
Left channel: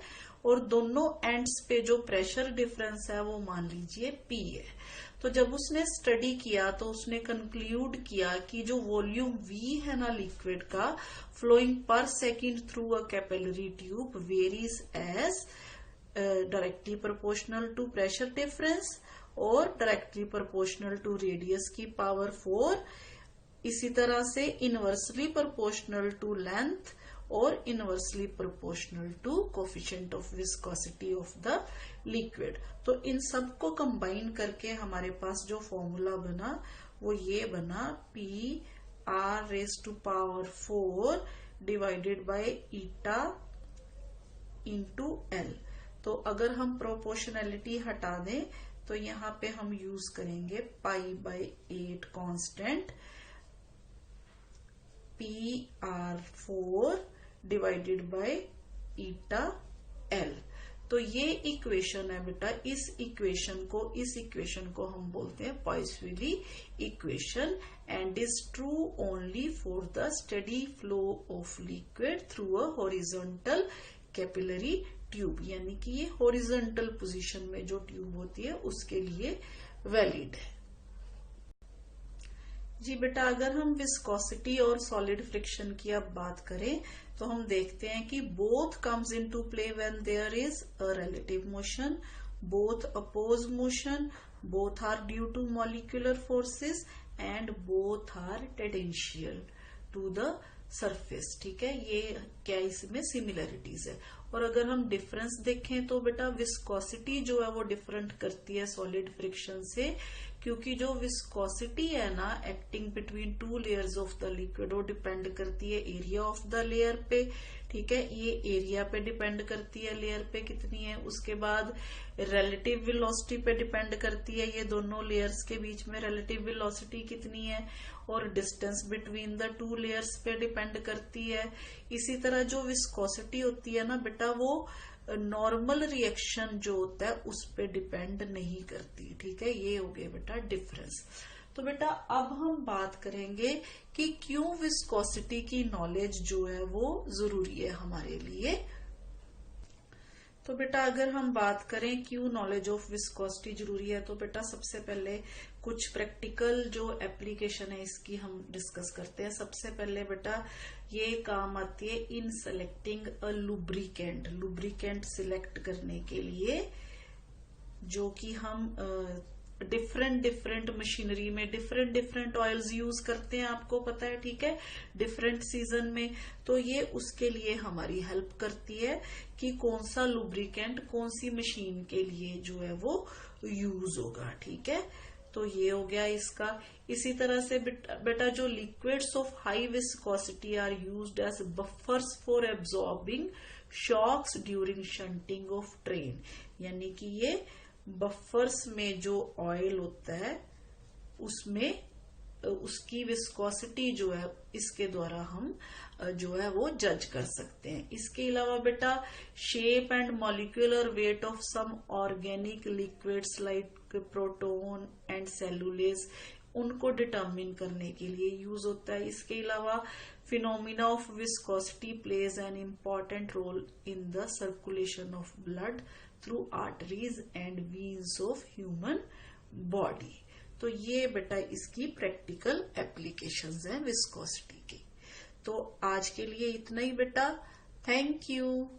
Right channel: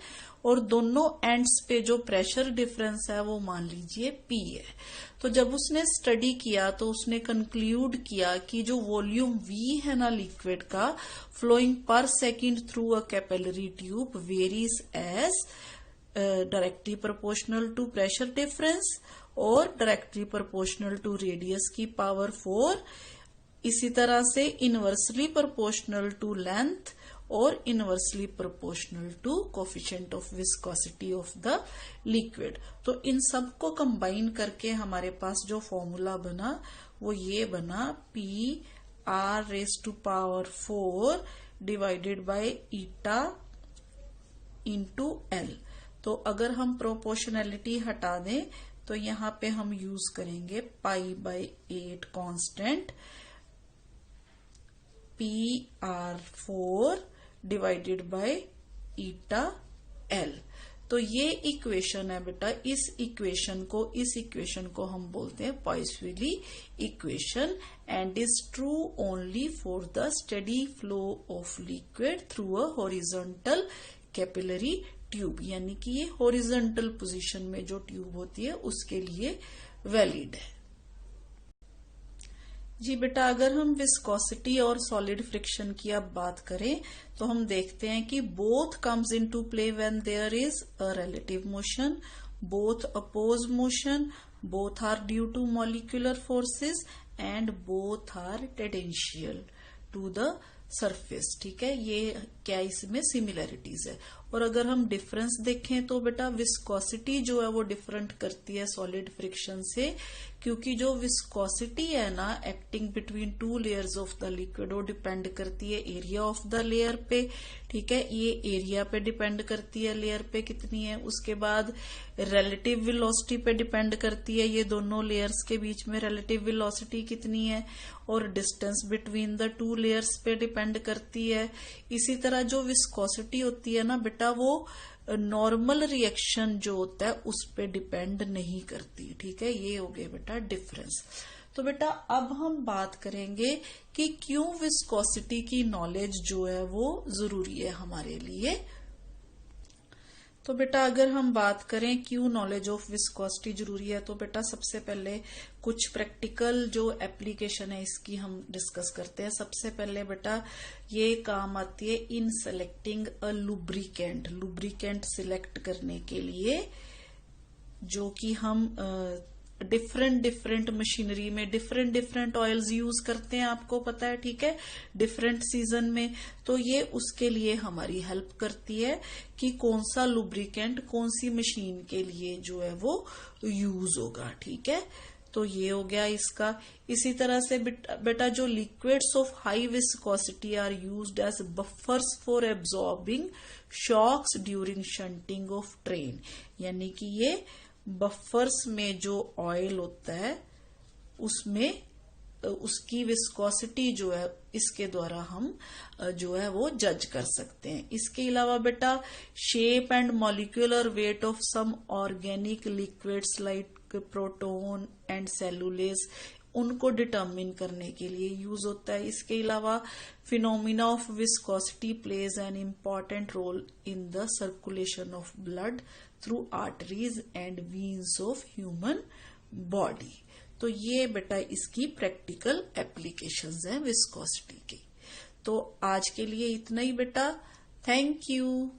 और दोनों एंड्स पे जो प्रेशर डिफरेंस है वो मान लीजिए P है। तो जब उसने स्टडी किया तो उसने कंक्लूड किया कि जो वॉल्यूम V है ना लिक्विड का flowing per second through a capillary tube varies as directly proportional to pressure difference और डायरेक्टली प्रोपोर्शनल टू रेडियस की पावर 4, इसी तरह से इनवर्सली प्रोपोर्शनल टू लेंथ और inversely proportional to coefficient of viscosity of the liquid. तो इन सब को कंबाइन करके हमारे पास जो फॉर्मूला बना वो ये बना PR⁴ divided by eta into L। तो अगर हम प्रोपोर्शनैलिटी हटा दें तो यहाँ पे हम यूज करेंगे π/8 constant PR⁴ divided by eta L। तो ये इक्वेशन है बेटा, इस इक्वेशन को हम बोलते हैं Poiseuille equation and is true only for the steady flow of liquid through a horizontal capillary tube, यानी कि ये हॉरिजॉन्टल पोजीशन में जो ट्यूब होती है उसके लिए वैलिड है। जी बेटा, अगर हम विस्कोसिटी और सॉलिड फ्रिक्शन की अब बात करें तो हम देखते हैं कि both comes into play when there is a relative motion, both oppose motion, both are due to molecular forces and both are tangential to the surface. ठीक है, ये क्या इसमें सिमिलरिटीज है। और अगर हम डिफरेंस देखें तो बेटा विस्कोसिटी जो है वो डिफरेंट करती है सॉलिड फ्रिक्शन से, क्योंकि जो विस्कोसिटी है ना acting between two layers of the liquid वो डिपेंड करती है एरिया ऑफ द लेयर पे। ठीक है, ये एरिया पे डिपेंड करती है, लेयर पे कितनी है। उसके बाद रिलेटिव वेलोसिटी पे डिपेंड करती है, ये दोनों लेयर्स के बीच में रिलेटिव वेलोसिटी कितनी है, और distance between the two layers पे डिपेंड करती है। इसी तरह जो विस्कोसिटी होती है ना बेटा वो नॉर्मल रिएक्शन जो होता है उस पे डिपेंड नहीं करती। ठीक है, ये हो गया बेटा डिफरेंस। तो बेटा अब हम बात करेंगे कि क्यों विस्कोसिटी की नॉलेज जो है वो जरूरी है हमारे लिए। तो बेटा अगर हम बात करें क्यों नॉलेज ऑफ विस्कोसिटी जरूरी है, तो बेटा सबसे पहले कुछ प्रैक्टिकल जो एप्लीकेशन है इसकी हम डिस्कस करते हैं। सबसे पहले बेटा ये काम आती है इन सेलेक्टिंग अ लुब्रिकेंट सिलेक्ट करने के लिए, जो कि हम डिफरेंट मशीनरी में डिफरेंट ऑयल्स यूज करते हैं, आपको पता है। ठीक है, डिफरेंट सीजन में, तो ये उसके लिए हमारी हेल्प करती है कि कौन सा लुब्रिकेंट कौन सी मशीन के लिए जो है वो यूज होगा। ठीक है, तो ये हो गया इसका। इसी तरह से बेटा जो liquids of high viscosity are used as buffers for absorbing shocks during shunting of train, यानी कि ये बफर्स में जो ऑयल होता है उसमें उसकी विस्कोसिटी जो है इसके द्वारा हम जो है वो जज कर सकते हैं। इसके अलावा बेटा shape and molecular weight of some organic liquids like protein and cellulose, उनको डिटरमिन करने के लिए यूज होता है। इसके अलावा phenomena of viscosity plays an important role in the circulation of blood through arteries and veins of human body. तो ये बेटा इसकी प्रैक्टिकल एप्लीकेशंस हैं विस्कोसिटी की। तो आज के लिए इतना ही बेटा, थैंक यू।